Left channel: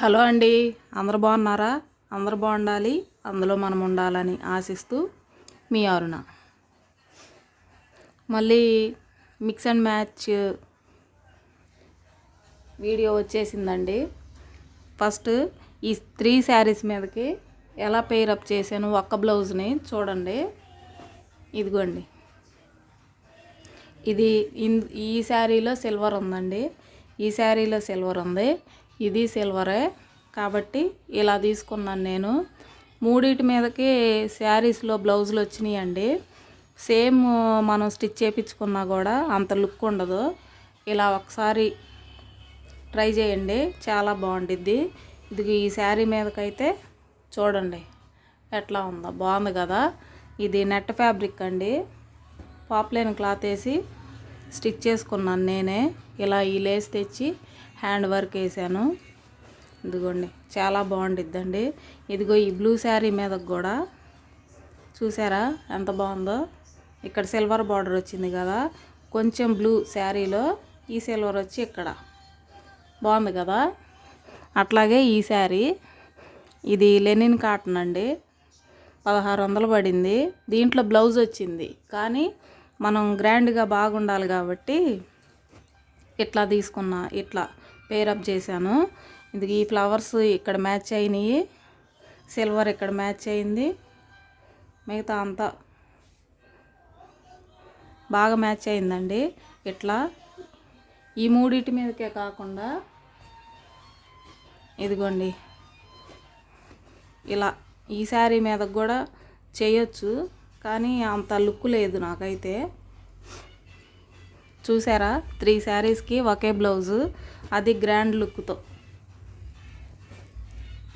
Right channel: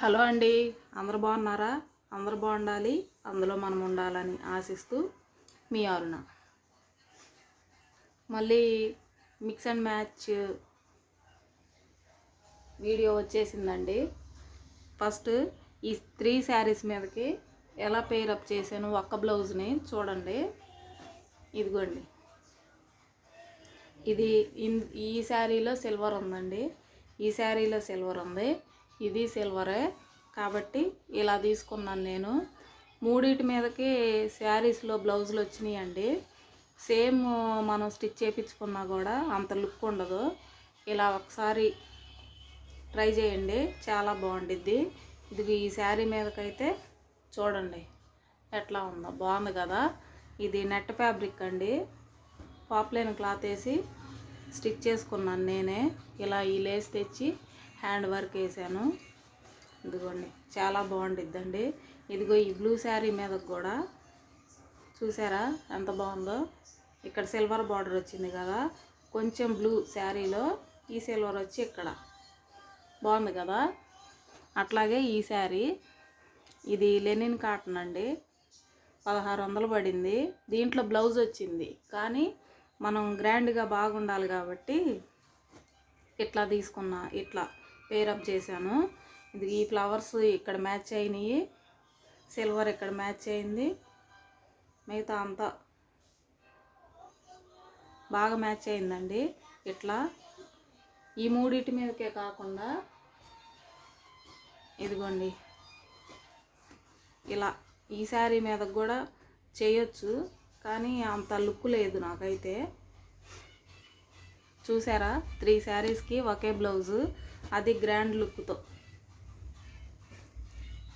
Hello అండి, అందరు బాగున్నారా? అందరు బాగుండాలి, అందులో మనం ఉండాలని ఆశిస్తూ మీ అరుణ. మళ్ళీ మిక్స్ అండ్ మ్యాచ్ వీడియో వచ్చేసిందండి. ఫస్ట్ ఈ 3 శారీస్ మీదకి ఎలా పేరప్ చేశాను ఒక్క బ్లౌజ్ని చూడండి. ఇదిగోండి, ఇది ఈ శారీలో సిల్వర్ ఉందండి, ఈ శారీలో సిల్వర్ ఉంది, ఇది సిల్వరే కాబట్టి ఇలా తీసుకున్నాను నేను. మూడిటి మీదకి శారీస్లో బ్లౌజులు వచ్చినాయండి. సేమ్ మనం స్టిచ్ చేయించుకున్నా కూడా అంత లుక్ ఉండదు. ఇలా ఒకసారి ట్రై చేయండి, చాలా బాగుండిద్ది. ఇది ఈ శారీ మీదకైతే చూడండి ఎట్లా ఉందో, బాగుంది కదా. ఇది నెట్ ఫ్యాబ్రిక్ అండి, పాప్లైన్ క్లాత్ వేసి స్టిచ్ చేసుకున్నాను నేనే. ఇలా ఈ లేస్ తెచ్చి హ్యాండ్ వర్క్ వేసాను. ఇదిగోండి, చాలా బాగుండిద్దండి. ఇదిగో ఈ బ్లూ శారీ మీదకి కూడా చూసారా ఎంత బాగుందో. ఇక్కడ సిల్వర్ బార్డర్ వచ్చింది కదా, కొంచెం బ్లూ శారీలో ఈ సిల్వర్ వచ్చి ఇక్కడ బాగుంది కదా. అట్లాగే ఈ శారీ, ఇది లెనిన్ కాటన్ అండి, 1600 పడింది. దీంట్లో బ్లౌజ్ వచ్చింది, కానీ మనం గ్రాండ్గా బాగుండాలి కాబట్టి ఇట్లా తీసుకున్నా, ఇట్లా పేరప్ చేశాను. ఇది ఈ ఫ్లవర్స్ ఇక్కడ మ్యాచ్ అయినాయి, సిల్వర్ ఇక్కడ మ్యాచ్ అయింది, మిగతా అంతా బాగా మ్యాచ్ అయిందండి. ఇట్లా ఈ మూడిటి మీదకే కాకుండా ఇదిగోండి ఇలా ఈ శారీ మీద కూడా చేయొచ్చు, కానీ అంత లుక్ లేదు నాకైతే. చూసారా, 3 శారీస్కి ఒకే బ్లౌజు, అది గ్రాండ్ లుక్తో.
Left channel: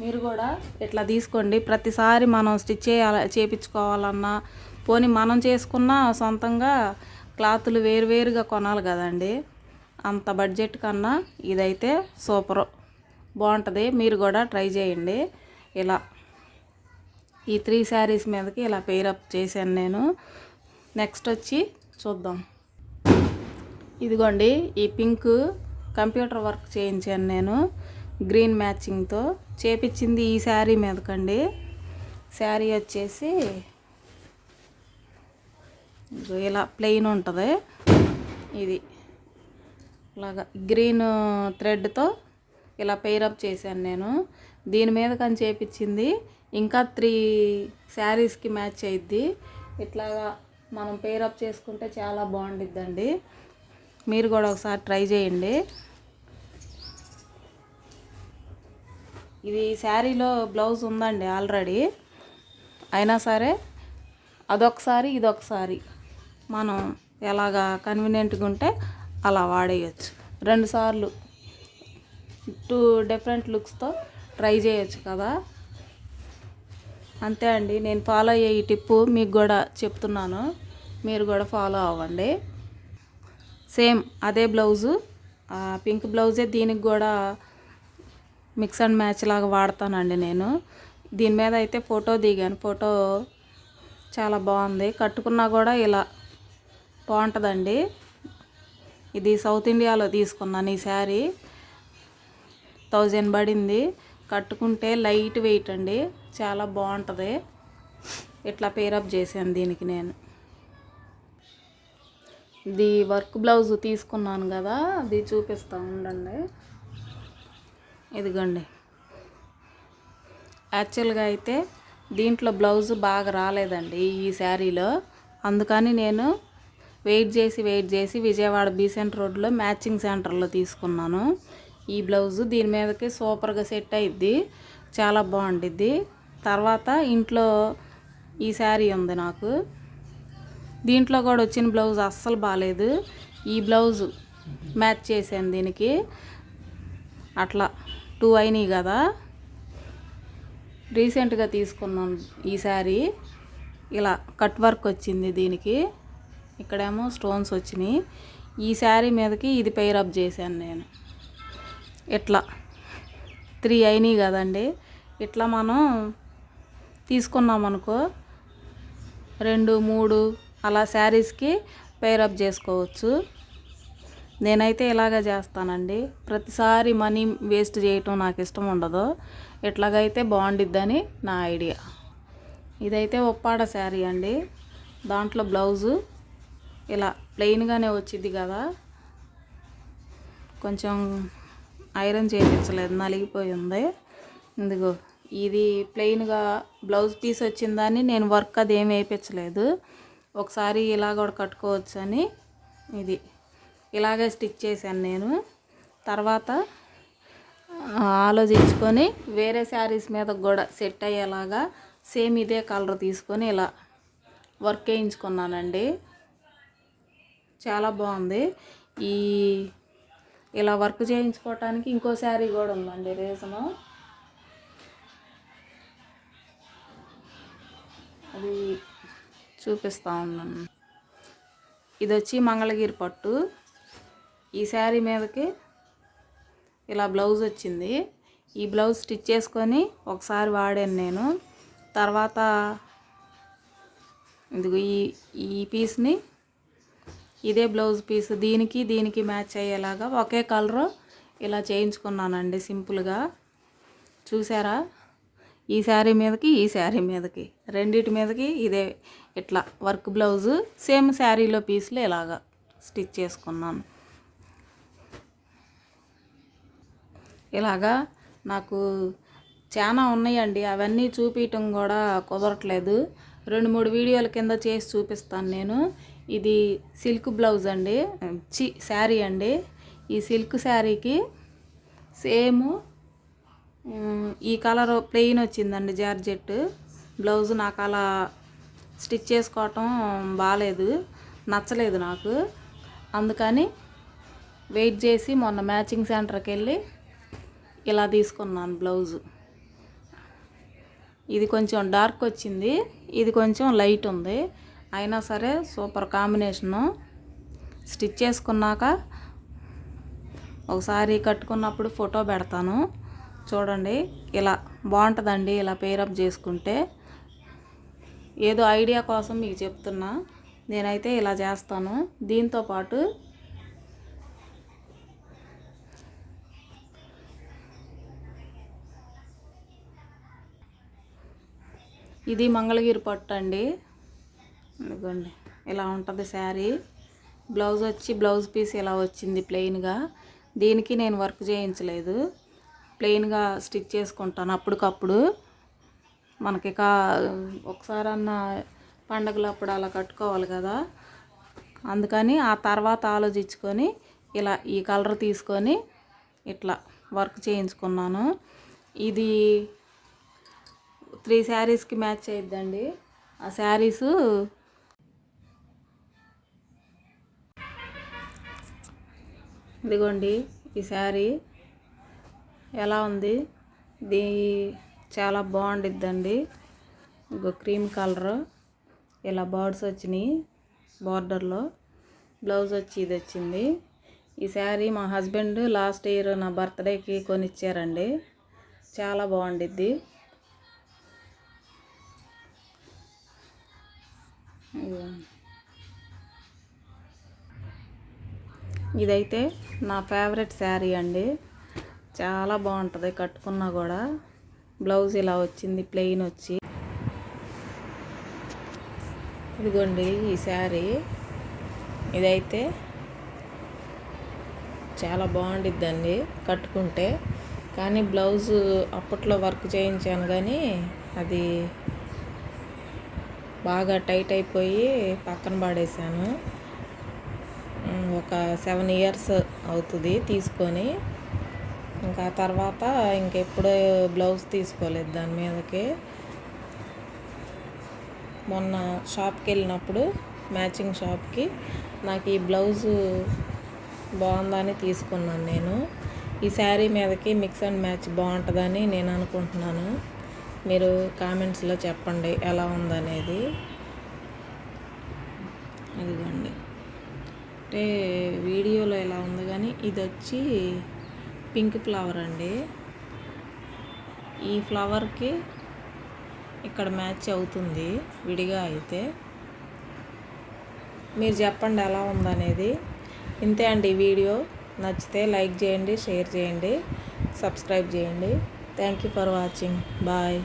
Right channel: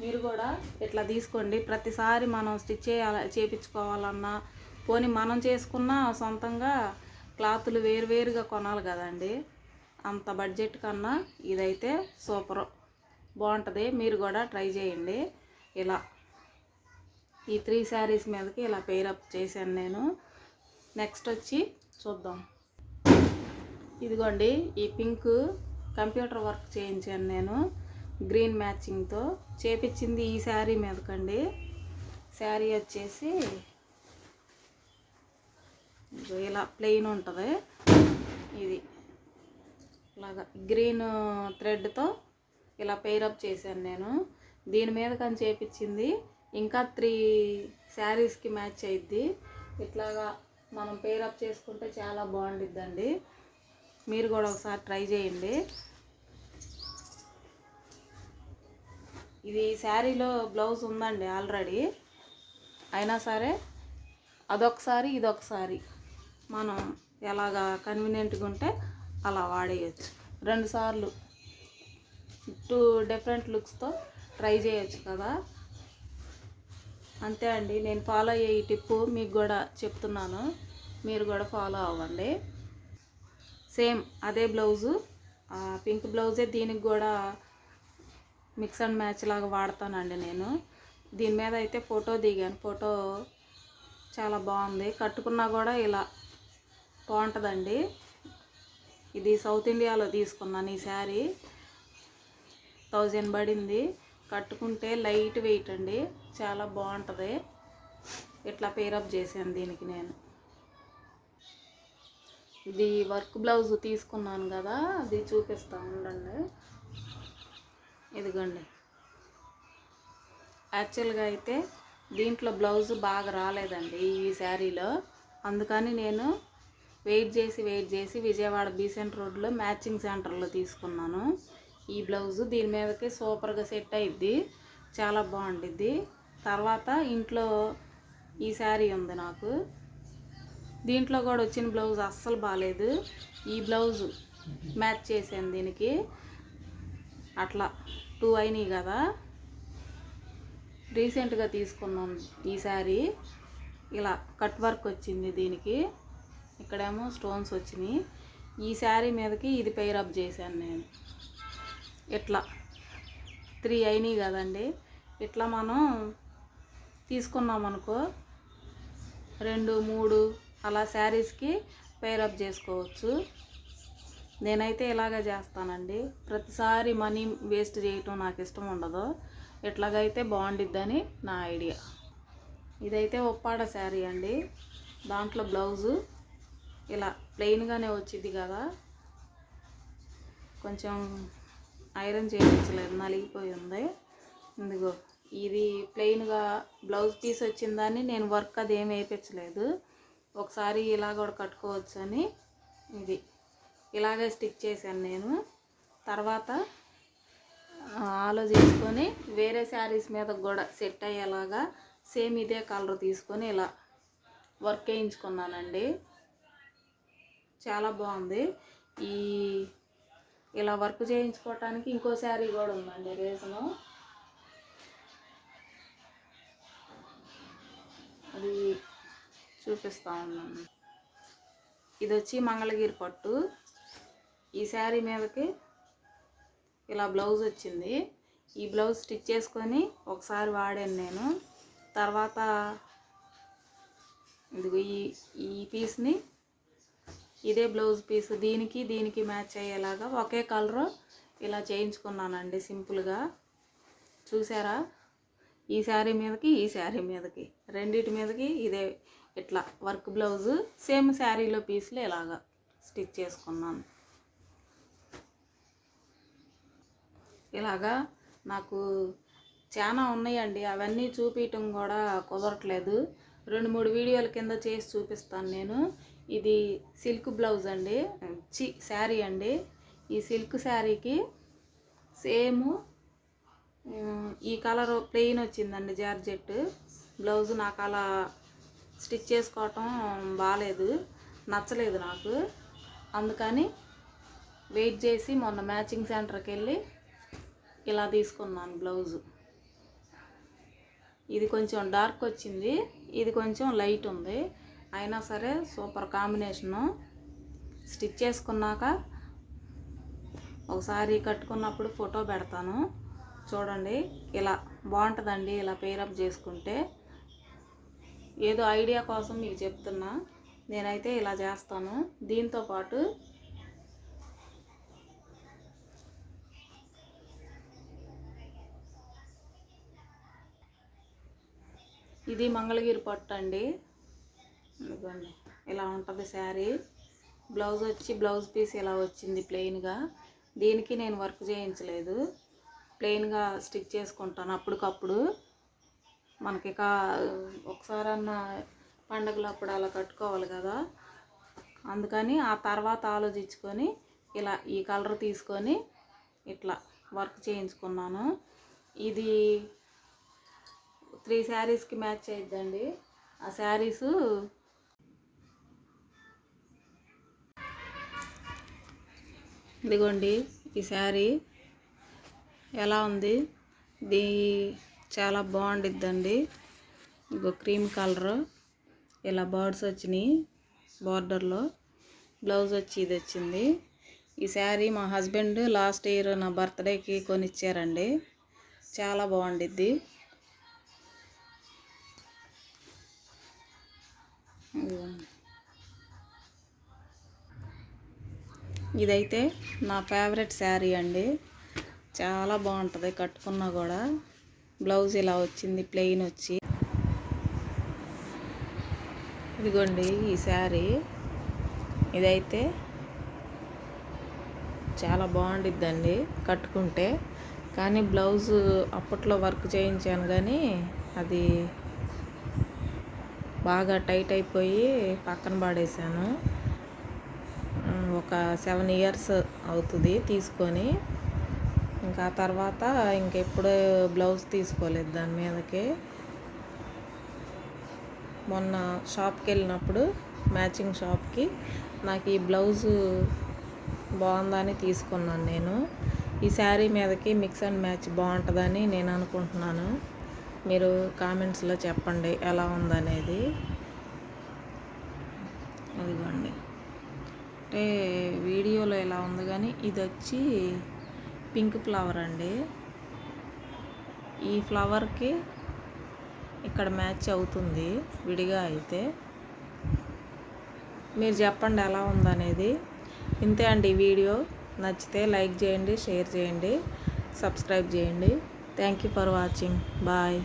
మీరు కూడా ఇట్లా తీసుకోండి. ప్రతిసారి మనం స్టిచ్ చేయించుకోవాలన్నా, పోనీ మనం చేసుకున్న సొంతంగా క్లాతులు వేరువేరుగా కొనాలి కదండి. అంత బడ్జెట్ కన్నా ఇదైతే సూపర్ బాగుంటుంది. మీరు కూడా ట్రై చేయండి. ఇలా ఈ 3 శారీస్ మీదకి ఇలా పేరప్ చేశాను నేను. నెక్స్ట్ వచ్చి చూద్దాం. ఇదిగోండి, ఈ పింక్ కంప్యూటర్ వర్క్ చేయించాను నేను, గ్రీన్ మ్యాచింగ్తో చేపించింది ఈ శారీ మీదకండి. శారీ వచ్చేసి ఇలా ప్లెయిన్ ఉంటుంది. ఇది ఇలాగా గ్రీన్ థ్రెడ్తో ఇలా పేరప్ చేశాను నేను. దీని మీద కానీ చేపించింది ఇంకా 3 శారీస్కి మ్యాచ్ అయ్యిద్ది. ఇట్లాగా మనం పేరప్ చేసుకుంటే చాలా బాగుండిద్దండి. మీరు కూడా ఒకసారి ట్రై చేయండి. ఇది శారీలో బ్లౌజ్ ఉందండి ఆల్రెడీ, అయినా సరే అదొకసారి ఇదొకసారి మనం ఎలాగా కన్వీనియంట్గా ఉంటే అలా వాడేయచ్చు. 2 సార్లు 2 డిఫరెంట్ లుక్స్తో ట్రై చేయొచ్చు కదా. అంతే అండి, నేను ఫాలో అయ్యే ఈ టిప్పు మీకు కూడా చెప్తున్నాను, మీరు కూడా ఫాలో అవ్వండి. సేమ్ అదే బ్లౌజు, పింక్ బ్లౌజే దీనికి కూడా మిక్స్ అండ్ మ్యాచ్ లాగా వాడతానండి నేను. దీని మీద అయితే ఫోటో దిగాను, ఫోటో చాలా బాగుంది. కట్టుకున్నా కూడా ఇలా బాగుంటుందండి. ఇది సౌత్ ఇండియాలో తీసుకున్నాను ఈ శారీ, 1000 పడింది. కట్టుకుంటే లైట్ వెయిట్ అండి, చాలా బాగుంటుంది. ఇట్లా పేరప్ చేశాను దీనికి నేను. ఇది వర్క్ బ్లౌజ్ తీసుకున్నాను కదా, అది చూపిస్తూ ఉండండి. ఇదిగోండి, యాక్చువల్గా అయితే దీంట్లో బ్లౌజ్ బాగా రాలేదండి ఈ శారీలో, అందుకని నేను వెయిట్ చేసి విజయవాడ బీసెంట్ రోడ్లో మ్యాచింగ్ సెంటర్లో తీసుకున్నాను ఈ బ్లౌజు. దీని మీదకి సూపర్గా సెట్ అయ్యిద్ది, చాలా బాగుండిద్ది. తర్వాత ఇంట్లో ఈ శారీ ఉంది నాకు, దీంట్లో కూడా వచ్చిన బ్లౌజ్ అస్సలు బాగాలేదు. ఈ బ్లౌజు మ్యాచ్ చేశాను దీనికి. అట్లా 2 అయినాయి కదా. రీసెంట్గా తీసుకున్నాను ఈ శారీ. ఇలా కట్ వర్క్ వచ్చింది దీనికి, ఇక్కడేమో స్టోన్స్ వచ్చినాయి. ఈ శారీ మీదకి ఇది పేరప్ చేశాను నేను. ఇట్లా 3 అయినాయి కదండి. ఇట్లా మనం తీసుకున్నాం అనుకో, 2, 3 అలా శారీస్కి పేరప్ చేసుకోవచ్చు. నేనైతే ఇలాగే చేస్తానండి. ప్రతిసారి మనీ వేస్ట్ చేయటం నాకు ఇష్టం ఉండదు. ఇట్లాగైతే బాగుండిద్దని నా ఐడియా. ఇదైతే ఉప్పాడ శారీ అండి. దాంట్లో బ్లౌజు ఇలా ప్లెయిన్గానే వచ్చింది కదా, కొంచెం ఐరన్ చేయించలేదు, నలిగిపోయి ఉంది. ఇందుగో ఇది ప్లెయిన్గా బ్లౌజ్ పీస్ వచ్చిందని నేను వర్క్ అది ఏమి వేయించలేదు. ఒకసారి ఇలా కూడా కట్టుకోవచ్చు అని ఇది ఇలాగే స్టిచ్ చేశాను నేను. తర్వాత ఆలోచించుకొని వేరే శారీస్ మీద కూడా సెట్ అయ్యేలాగా సేమ్ ఇదే కలర్ తీసుకొని ఇలా వర్క్ వేయించుకున్నానండి. చాలా బాగుంది. ఇలా వర్క్ చేయించుకోవటానికి ఇంకో శారీ కూడా ఉందండి రీజను. అది చూపిస్తూ ఉన్నాను. ఇది వచ్చి మంగళగిరి పట్టు. ఈ శారీ మీదకి ఇలా బ్లౌజ్ వచ్చింది. ఈ బ్లౌజ్ స్టిచ్ చేసుకొని ఒకసారి వాడాను నేను. తర్వాత ఇదిగో ఈ పీస్ని ఇదే బ్లౌజ్ పీస్ దీనికి మ్యాచ్ అయ్యేలాగా ఒకే కలరు ఇలా చేయించుకున్నానండి సింపుల్గా. చూసారా? ఈ శారీ మీదకి రెండిటి మీదకి ఇదే ఇట్లా వర్క్ బ్లౌజు సేమ్ శారీలో పీస్లు ఇలాగా స్టిచ్ చేసుకున్నాను. ఇలాగా నాకు చాలా ఉన్నాయండి, అవన్నీ చూపించటం కూడా కుదరట్లేదు. 2-3 వీడియోల కింద చేసి చూపిస్తాను నేను. ఇది సిల్క్ బ్లౌజ్ అండి, శారీ అండి. ఈ సిల్క్ శారీకి సేమ్ ఈ కలర్ ప్లెయిన్ వచ్చిందండి జార్జెట్ బ్లౌజ్. నాకు అలా స్టిచ్ చేసుకోవటం బాగాలేదు, నచ్చలేదు నాకు. అందుకని వెయిట్ చేసి మొన్న మ్యాచింగ్ సెంటర్కి వెళ్ళి ఇలా తీసుకున్నాను బ్లౌజు. ఇది కొంచెం డార్క్ వచ్చింది, ఇది కొంచెం లైట్ ఉంది. అయినా సరే సూపర్ కాంబినేషను. స్టిచ్ చేసుకున్నాక ఒకసారి కట్టుకున్నప్పుడు ఫోటో పెడతాను చూడండి. ఇలా బాగుంటుందండి ఇలా పేరప్ చేసుకుంటే. ఏదో ఐడియా కోసం మీకు చెప్తున్నా. నేనైతే ఇలా చేస్తాను. దీంతోపాటు ఇది మంగళగిరి పట్టు అండి. ఇదిగోండి ఇలా ఉంటుంది శారీ. బ్లౌజ్ వచ్చి బ్లౌజ్ పీస్ ఇలా వచ్చింది ప్లెయిన్గా. దీనికి నేను వర్క్ చేయించలేదు, ప్లెయిన్గా స్టిచ్ చేసుకుంటాను అప్పటికప్పుడు. మనకి ఒకసారన్నా పండగలప్పుడు అలా కట్టుకోవాలి కదా, అందుకని ఆ తర్వాత ఆలోచించుకొని ఇలా ఈ కలర్ తీసుకొని ఇట్లా వర్క్ చేయించుకున్నాను. ఇది 3 శారీస్కి మ్యాచ్ అయిద్దండి. ఆ శారీసు ఇదిగోండి. ఈ శారీ ఎలా ఉంది? ఇది చాలా బాగుండిద్దండి. ఇంకో క్రీమ్ కలర్ ఇలా బర్డ్స్ వచ్చినాయి బార్డర్లో. బ్లౌజ్ వచ్చి ఇది వచ్చింది. ఈ శారీ మా హస్బెండ్ లాస్ట్ ఇయర్ నా బర్త్డేకి కొనిచ్చారండి. చాలా బాగుండిద్ది. ఇదైతే నా ఫేవరెట్ శారీ అండి. చాలా బాగుంటుంది కట్టుకున్నా కూడా. బ్లౌజ్ ఇలా వచ్చింది ప్లెయిన్ వచ్చి. ఇదిగోండి ఈ శారీ. ఇదైతే చాలా బాగుండిద్దండి కట్టుకుంటే. కానీ బ్లౌజు అప్పట్లో వర్క్ చేయించాను కానీ అది బాగా టైట్ అయిపోయి పక్కన పడేసాను. ఒక 7 years అవుతుంది తీసుకొని. ఇంకా తర్వాత ఇంకెప్పుడు బ్లౌజ్ తీసుకోలేదు దాని మీదకి. మొన్న షాప్కి వెళ్ళినప్పుడు మ్యాచింగ్ షాప్కి నాకు ఈ బ్లౌజు బాగుందని తీసుకున్నాను నేను. ఈ శారీ మీదకి మిక్స్ అండ్ మ్యాచ్ బాగుంటుందని నేను అనుకుంటున్నాను. మీరు కామెంట్స్లో చెప్పండి ఎలా ఉందనేది. అదిగోండి, అంటే వీడియోలో ఎలా ఉంది కానీ ఇది వచ్చి పింక్ ఫ్లవర్ అండి. ఈ ఫ్లవర్కి ఇక్కడ మ్యాచ్ అవుతుంది విడిగా అయితే. మీరు చెప్పండి ఎలా ఉందనేది. ఇంతే అండి వీడియో. నచ్చితే లైక్ చేయండి, షేర్ చేయండి, సబ్స్క్రైబ్ చేయండి. Thank you for watching. Bye.